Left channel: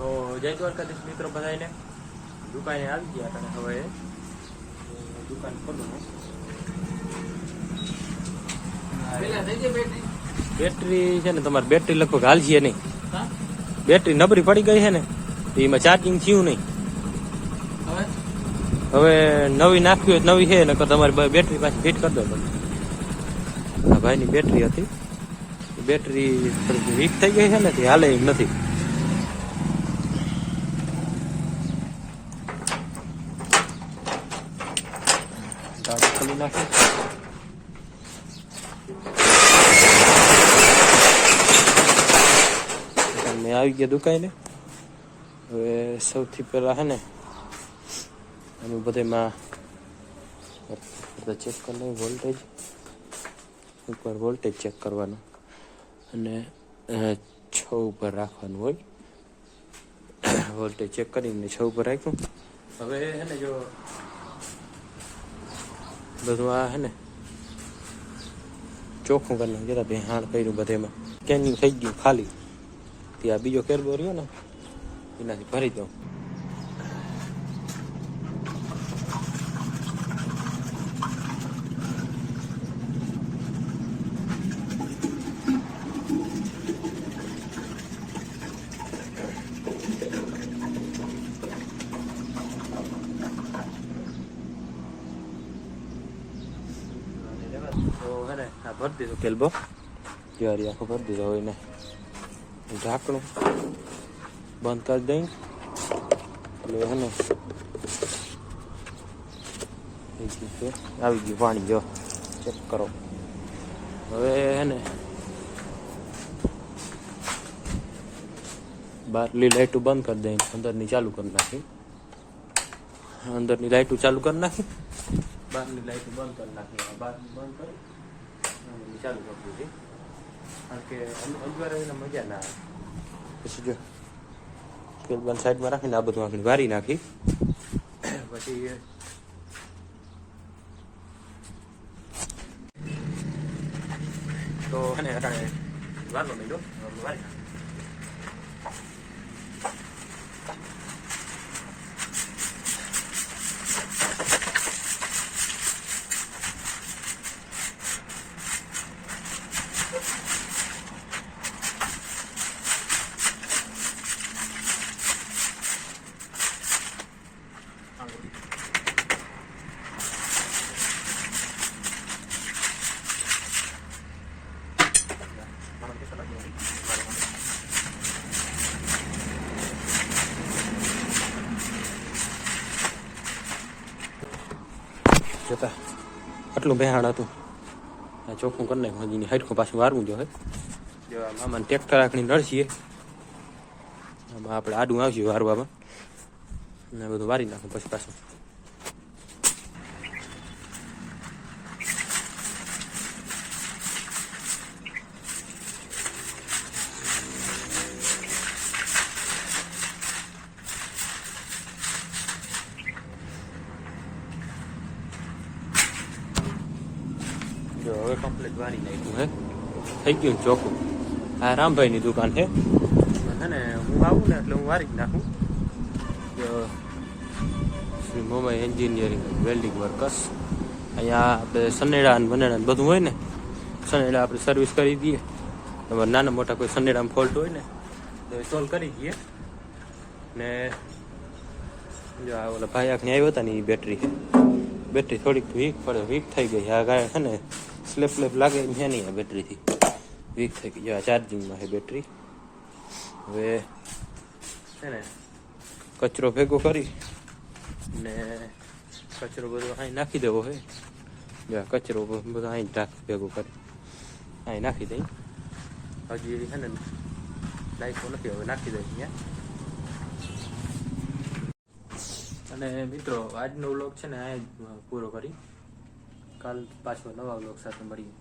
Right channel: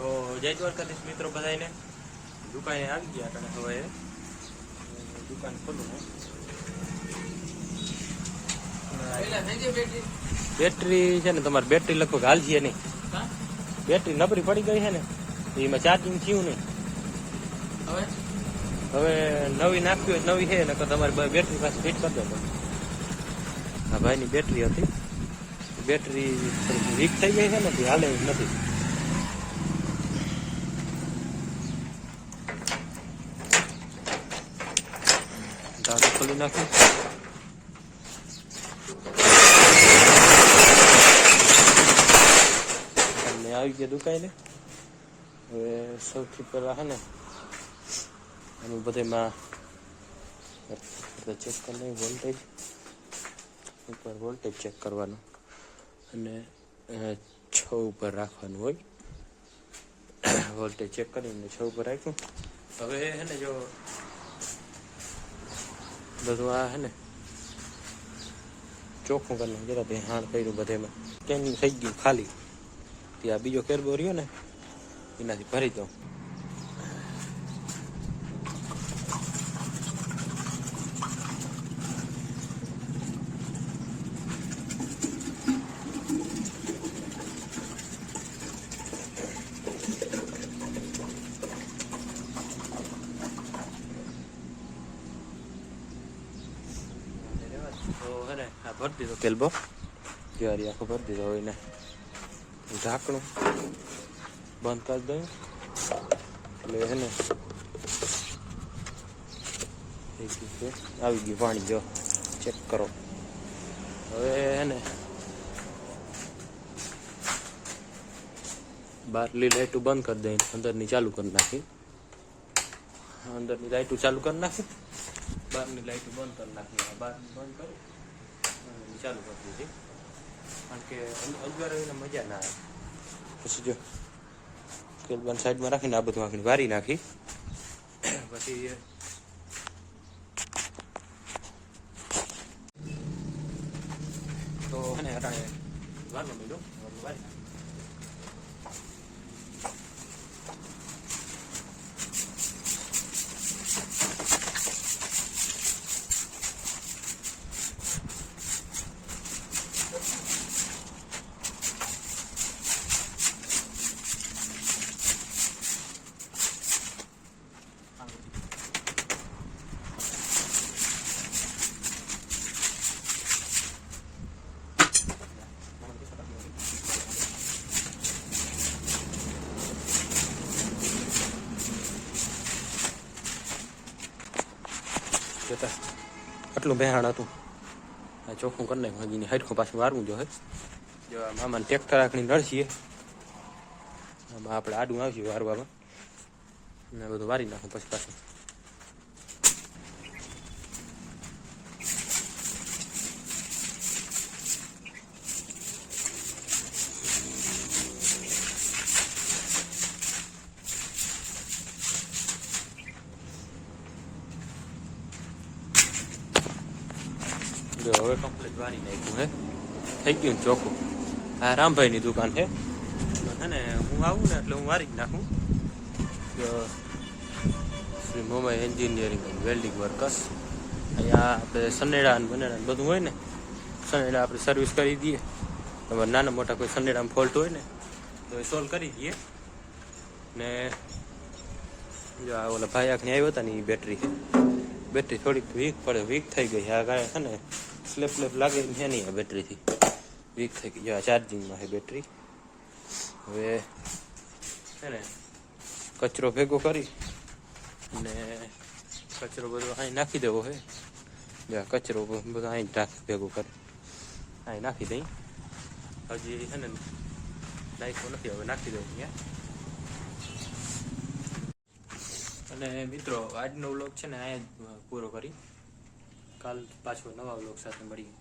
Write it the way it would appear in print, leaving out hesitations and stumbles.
તો જય દ્વારકાધીશ મિત્રો બધાને દુકાને આવી ગયા અને હવે દુકાન ખોલું બેટરી છે ને તમારી બેટરી લગભગ હાલજીએ નહીં બેટરી નબળી પડી ગઈ છે ને એમાં ચાર્જિંગ થયું નહીં હવે નવી નાખવી હોય નવી છે ને તમારી બેટરી પાછી ફિટ કરી દો તમે આ ભાઈની બેટરી હતી બેટરી વીક થઈ ગઈ છે ને તે હાલે એમ નથી ખોલી નાખી મેં આવી ગયા દુકાને હવે સૌથી પહેલા હે ને અમે બધામાં ચેક કરી લઈએ વોલ્ટેજ એકવાર વોલ્ટેજ ચેક કરવાનું અને 6 ઉપર રાખવાનું હોય વોલ્ટેજ ચેક કરીને 6 ઉપર રાખ્યું હવે હે ને જો બધું આ હે ને ચોખ્ખું કરી નાખ્યું તે હાણ કર્યું બધેમાં કેમ થઈ ગયું ખાલી ત્યાં બીજો કેરબો રહ્યો ને એનાથી ભરી દઉં તો હે ને આ ભરી દીધો કેલ્બો ત્યારે આખો ભરી દીધો હોય ને ઢાંકણું બંધ કરી દઈ એટલે હે ને આવી ગયું પાણી જો ચેક કરો હવે હે ને બહારની લાઈટો બંધ કરી દઈ અંદરની ચાલુ કરી નાખી અંદરની લાઈટો ચાલુ કરી નાખી બહારની લાઈટો બંધ કરી નાખી બહારની બંધ કરી ચાલુ કરી દીધી કારણ કે અંજવાળ રહીને મજા ના આવે પછી જો કેબલ સાઈડમાં રાખીને આ બધું આખી વારી નાખી પછી તો અને અટાણે વારનો મેળો વારી નાખી જોતા આટલું બેહાણ હતું આ ચોખ્ખું કરી નાખ્યું હજી હાઈટખું પાછું વારવું જો હે જો આમાં ટ્રેક્ટર આખણી નડશીએ આમાં આપણે આડું આવશે વારવામાં ને બધું વારી નાખું પછી પાછું જો હવે કમ્પ્લીટ વારી નાખ્યું હે થઈ ગયું ચોખ્ખું આ રામભાઈની દુકાન છે હે ને હું આવું ને એટલે હું વારી જ નાખું Shri Momai engineering welding workers અહીંયા આપણે સનેડા બનેડા બધું હોય ને સનેડા આપણે સર્વિસ કરી દઈએ તમારે નાના મોટા કોઈ સનેડામાં ફોલ્ટ હોય ને તો એ સોલ્વ કરી દઈએ ને જો આ ઓલા ભાઈ આખની આવ્યો હતા ને એ બેટરી છે બેટરી થોડીક વીક થઈ ગઈ આ ગાય છે ને સ્લેપ લાગે છે નહીં આ બેટરીથી વીક થઈ ગઈ આ ચાર્જિંગમાં છે બેટરી હવે છે ને કચરો ભેગો કરી ને કચરો બધો અહીં નાખી દેવો છે કચરો બધો અહીં ભેગો કરી અહીં નાખી દઈ હજી છે ને નાખ્યો નથી હવે નાખી દઉં અહીંયા અને મિત્રો આજનો વ્લોગ છે ને અહીંયા પૂરો કરી કાલ પાછો નવા વ્લોગ સાથે મળીએ.